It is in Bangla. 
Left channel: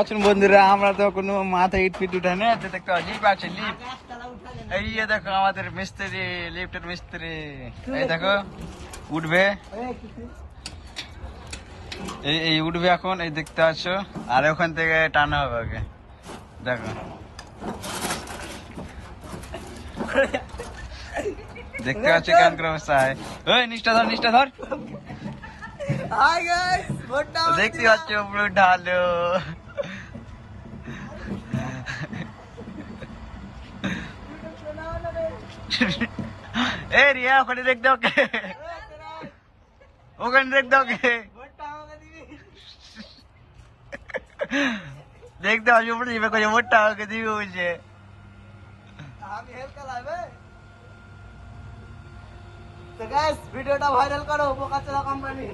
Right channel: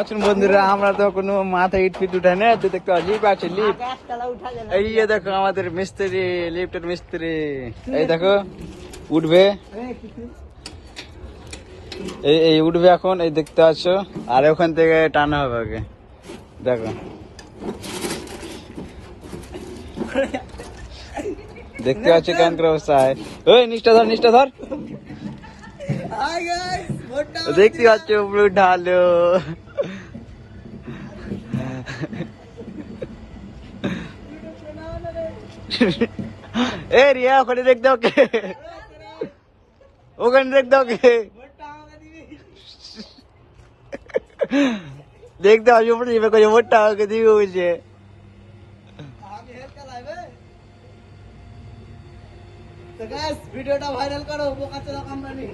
আছেন বন্ধুরা, আমরা তো কোনো মাথায় ইট ফিট উঠাই না, দেখতে লিপ আছে, লিপ। এই দেখো আমাদের মিস্ত্রি, লিফটের মিস্ত্রি, এই দেখো উঠবে, এই উঠবে এখন, এই দেখতে পাচ্ছ, আর ওখান থেকে টানা হবে ওকে, দেখো দেখতে পাচ্ছ কেন করে অবস্থায়। ওই নিচটা ধর, নিচটা ধর, দেখতে পাচ্ছ উপরে ঢালো। এ রিয়া ওখানে দেখতে, ওকে ওখানে দেখতে, ওকে দেখতে পাচ্ছ উপরে যাবে, কই ভোটটা ওকে দিবে বলছে। তো গাইস ভিডিওটা ভাইরাল করো বোকাচোদা কোম্পানি।